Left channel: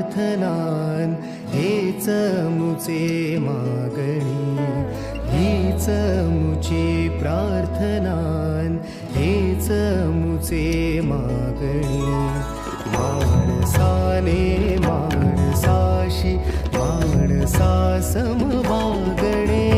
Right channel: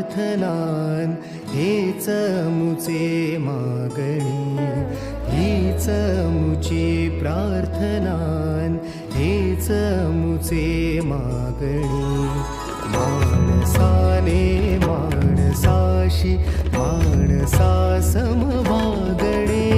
प्रार्थनान हेच मुचे मागणी, हीच मुची प्रार्थनान हेच मुचे मागणी. माणसाने माणसाशी माणसा समवागणे.